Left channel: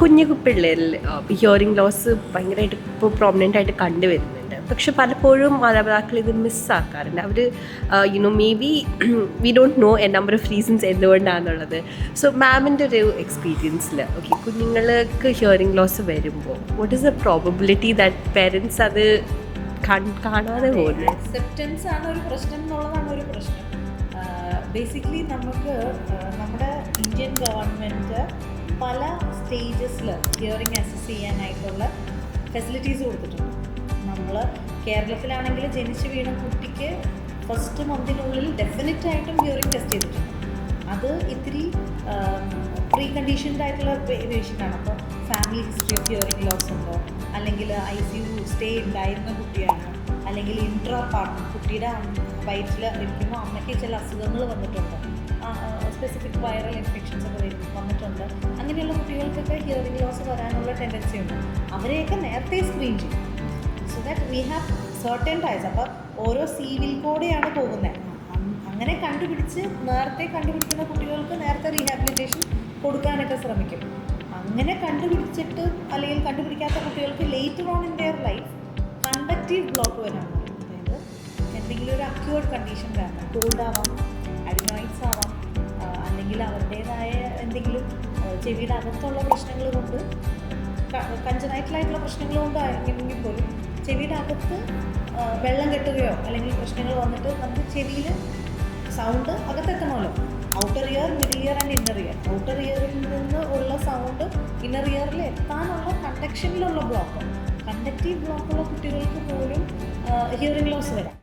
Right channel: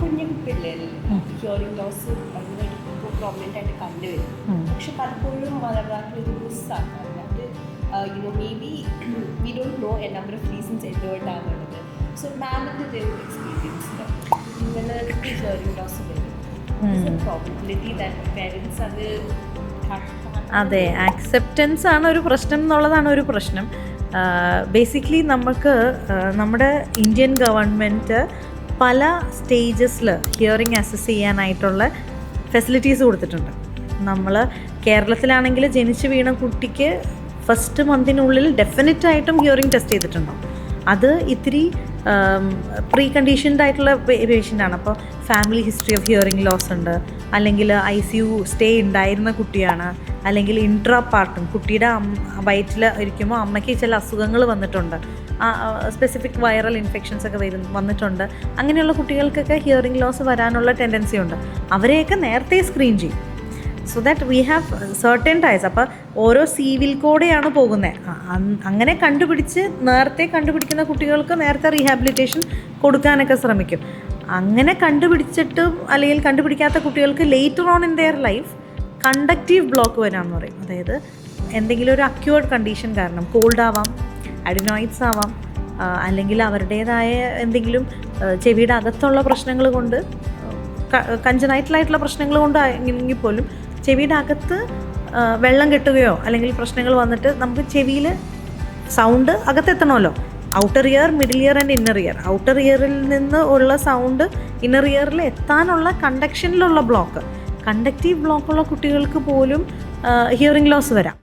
കുഞ്ഞു പിള്ളേരിൽ hearing loss ഭയങ്കരമായിട്ട് ഇപ്പോൾ പ്രോമിനൻ്റ് ആയിട്ട് കണ്ടുവരുന്നുണ്ട്. പക്ഷെ പലപ്പോഴും മാതാപിതാക്കൾ ഇത് മിസ്സാക്കാറുണ്ട്. അവർ may be we don't know a number of reasons എന്തുകൊണ്ടാണെന്നുള്ളത്. സോ മാമിൻ്റെ ഒരു എക്സ്പീരിയൻസിൽ കുഞ്ഞുങ്ങൾക്ക് ഹിയറിംഗ് ലോസ് വരുമ്പോൾ what is the probability that parents അത് അതെ, ആക്സെപ്റ്റൻസ് ആണ് ഒരു പ്രശ്നം എന്നുള്ളതാണ് ഒരു പ്രശ്നം. ബേസിക്കലി നമ്മുടെ ഇന്ത്യൻ ഗവൺമെൻറ് പല സ്റ്റേജസിൽ ഹിയറിംഗ് അസസ് ചെയ്യാനായിട്ടുള്ള ഫെസിലിറ്റീസ് കൊടുത്തിട്ടുണ്ട്. നമ്മൾ കേരളത്തിലാണെങ്കിൽ ജനിച്ച് വീണ കുട്ടിക്ക് ഫസ്റ്റ് മന്തിനുള്ളിൽ ഡെഫിനറ്റായിട്ടും ഹിയറിംഗ് ടെസ്റ്റ് ചെയ്തിട്ടുണ്ടോ. അത് ഇത്തിരി പ്രീ കണ്ടീഷൻഡ് ആയിട്ടുള്ള പേഷ്യൻ്റാണ്. അപ്പോൾ family history of hearing loss ഉണ്ട്, അല്ലെങ്കിൽ ICU സ്റ്റേ ഉണ്ടായിരുന്ന കുട്ടിയാണ്, അല്ലെങ്കിൽ ഇൻട്രാ പാർട്ടും കുട്ടിയുടെ വയറ്റിൽ ഇരിക്കുമ്പോൾ അമ്മയ്ക്ക് ചില അസുഖങ്ങൾ വന്നിട്ടുണ്ട്, സ്പെസിഫിക് വൈറൽ ഇൻഫെക്ഷൻസ് ഒക്കെ വന്നിട്ടുണ്ട്. അങ്ങനെയുള്ള കുട്ടികൾക്കൊക്കെ ഹിയറിംഗ് ലോസ് വരാനുള്ള ടെൻഡൻസി ഉണ്ട്. അവരെയൊക്കെ നേരത്തെ സ്ക്രീൻ ചെയ്യും. So that we have certain times. അപ്പോൾ ഓരോ സിവിൽ കോഡെയാണ് പോകുന്നത്. അങ്ങനെ നേരത്തെ കണ്ടുപിടിക്കുന്ന കുട്ടികൾക്ക് നേരത്തെ റീഹാബിലിറ്റേഷൻ കൊടുക്കാനൊക്കെ ശ്രമിക്കും. അങ്ങനെ കണ്ടുപിടിച്ചിട്ടും അല്ലെങ്കിൽ കണ്ടുപിടിക്കാത്ത കുട്ടികൾക്ക് later on in their life conductive block വരാമെന്ന് പറയും. അതായത് എന്തെങ്കിലും ഒരു അക്യൂർഡ് കണ്ടീഷൻ കാരണം, കോൾഡ് ആവാം, അഡിനോയിഡ്സ് ആവാം, അല്ലെങ്കിൽ അവരുടേതായ എന്തെങ്കിലും ചെവിയുടെ അകത്തുള്ള പ്രശ്നങ്ങൾ കൊണ്ട്, കഞ്ചനൈറ്റലായിട്ടുള്ള പ്രശ്നങ്ങൾ കൊണ്ട് എങ്കിൽ പോലും ചെവിയുടെ അകത്ത് വെള്ളം കെട്ടുകയോ അല്ലെങ്കിൽ പ്രശ്നങ്ങൾ വന്നിട്ട് നമുക്ക് ചെവിയിൽ സൗണ്ട് അകത്തെത്തണമല്ലോ. Outer ear, middle ear and inner ear. Outer ഇയറിൽ നിന്ന് ഉള്ള സൗണ്ട് ഇന്നർ ഇയറിൽ എത്താനുള്ള കണ്ടക്ഷനിലുള്ള ബ്ലോക്ക്, കണ്ടക്റ്റീവ് ബ്ലോക്കുള്ള കുട്ടികൾക്ക് പോലും ഹിയറിംഗ് ലോസ് വരാം.